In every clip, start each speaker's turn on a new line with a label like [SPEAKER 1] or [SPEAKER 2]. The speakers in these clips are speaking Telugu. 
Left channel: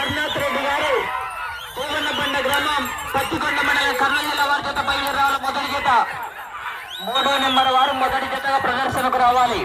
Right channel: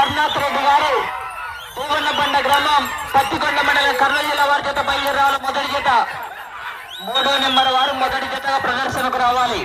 [SPEAKER 1] రఘునాథ్ రెడ్డి గారు పూవన్నబండ గ్రామం పత్తికొండ మండలం కర్నూలు జిల్లా వారి చేత బయలుదేరాలి. మొదటి జత 3వ నెంబర్ వారు మొదటి జతగా ప్రదర్శనకు రావాలి.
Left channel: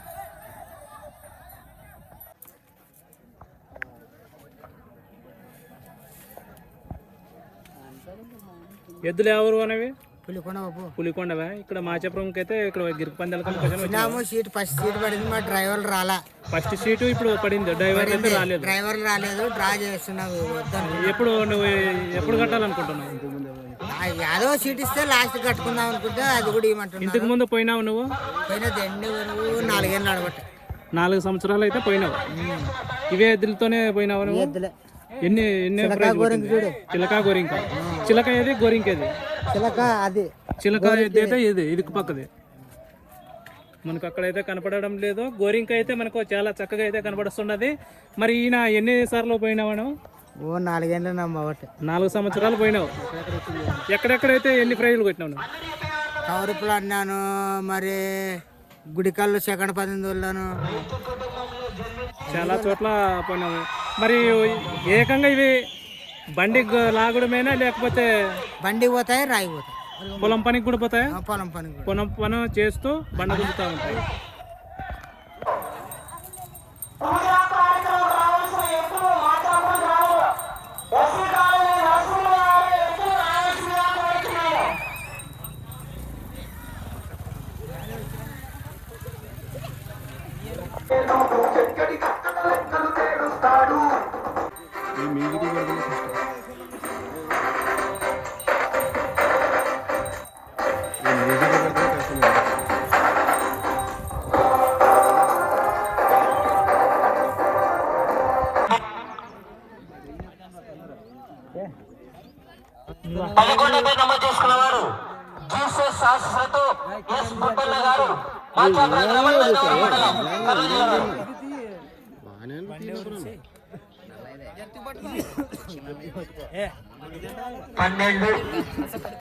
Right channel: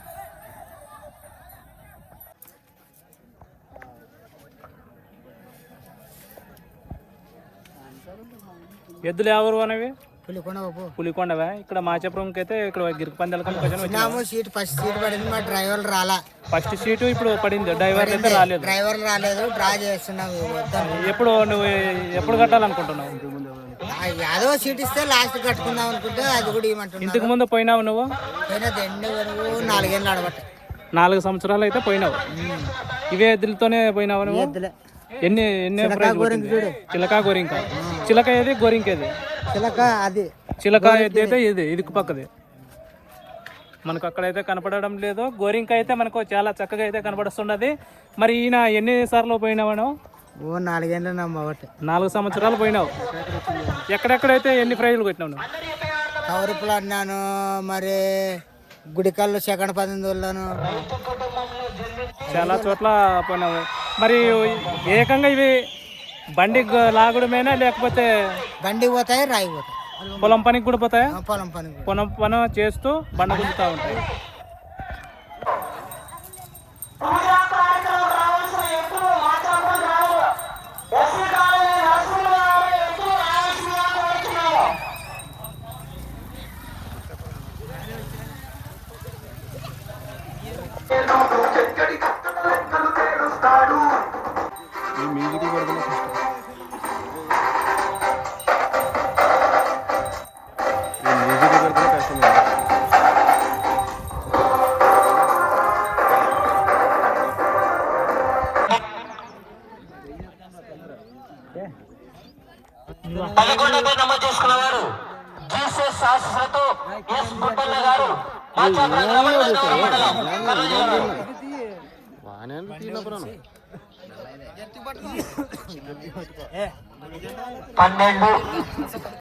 [SPEAKER 2] ఎద్దులు ఎవరు అనేవి
[SPEAKER 3] పులికొండవా.
[SPEAKER 2] ఇక్కడ మాచాపురంకి అయితే ఇక్కడ గిరికి పందాల
[SPEAKER 3] సీట్ ఫస్ట్ సీట్ పడింది. మా డ్రైవర్ రాలా.
[SPEAKER 2] ఫస్ట్ సీటు ఇప్పుడు పడింది. డ్రైవర్ అయితే రాలేదు.
[SPEAKER 3] డ్రైవర్ రాలేదు. డ్రా చేస్తున్నావు.
[SPEAKER 2] ఎప్పుడు నువ్వు ఎప్పుడు కట్టాలనుకుంటున్నావు?
[SPEAKER 3] యాదో సీట్ ఇస్తే లాస్ట్ కట్టుకుందాం అనుకుంటే అది కూడా ఇవ్వమంటున్నా.
[SPEAKER 2] ఇంతకు ముందు పోయినావు నువ్వు?
[SPEAKER 3] పోయినా దండే వరకు 4 ఏళ్ళు ఆడబట్ట.
[SPEAKER 2] 4 సంవత్సరాలు అయితే పోయినావు. ఇవే ఎద్దులతోనే పోయినావు నువ్వు? ఎన్ని చిలక గోరింక. చిలక ఏది గోరింక ఏది? చిలక ఎద్దు అయితే ఇది పక్కది మనకు అక్కడైతే కనపడడం లేదు. గోరింక అయితే మనకు చాలా చక్కగా అయితే కనపడుతున్నది. మరి ఈయన ఎన్ని సార్లు పోయినావు?
[SPEAKER 3] 4 ఏళ్ళు
[SPEAKER 2] 4 సంవత్సరాలు పోయినావు. ఎక్కడెక్కడైతే ఎన్ని ప్రైజులు కొట్టినావు?
[SPEAKER 3] కవరుపులు అన్నాను, మరి గుడికల్లు సెకండ్ 18
[SPEAKER 2] చాలా చోట్ల పోయినావు. మరి ఏకంగా ఇవి బండి లాగడమేనా లేకపోతే
[SPEAKER 3] బండికి పోతాయి, రాయి పోతాయి.
[SPEAKER 2] పొలం పనికి కూడా పోతాయా?
[SPEAKER 3] పొలం
[SPEAKER 2] పని చేస్తూ బండ గుంజుతూ ఉంటాయి.
[SPEAKER 1] పదకొండుపై నమోదు చేసుకున్న వారు జీసస్ శాస్త్రతో ఎస్ గుట్టన్న గారు మాచాపురం గ్రామం మండలం 12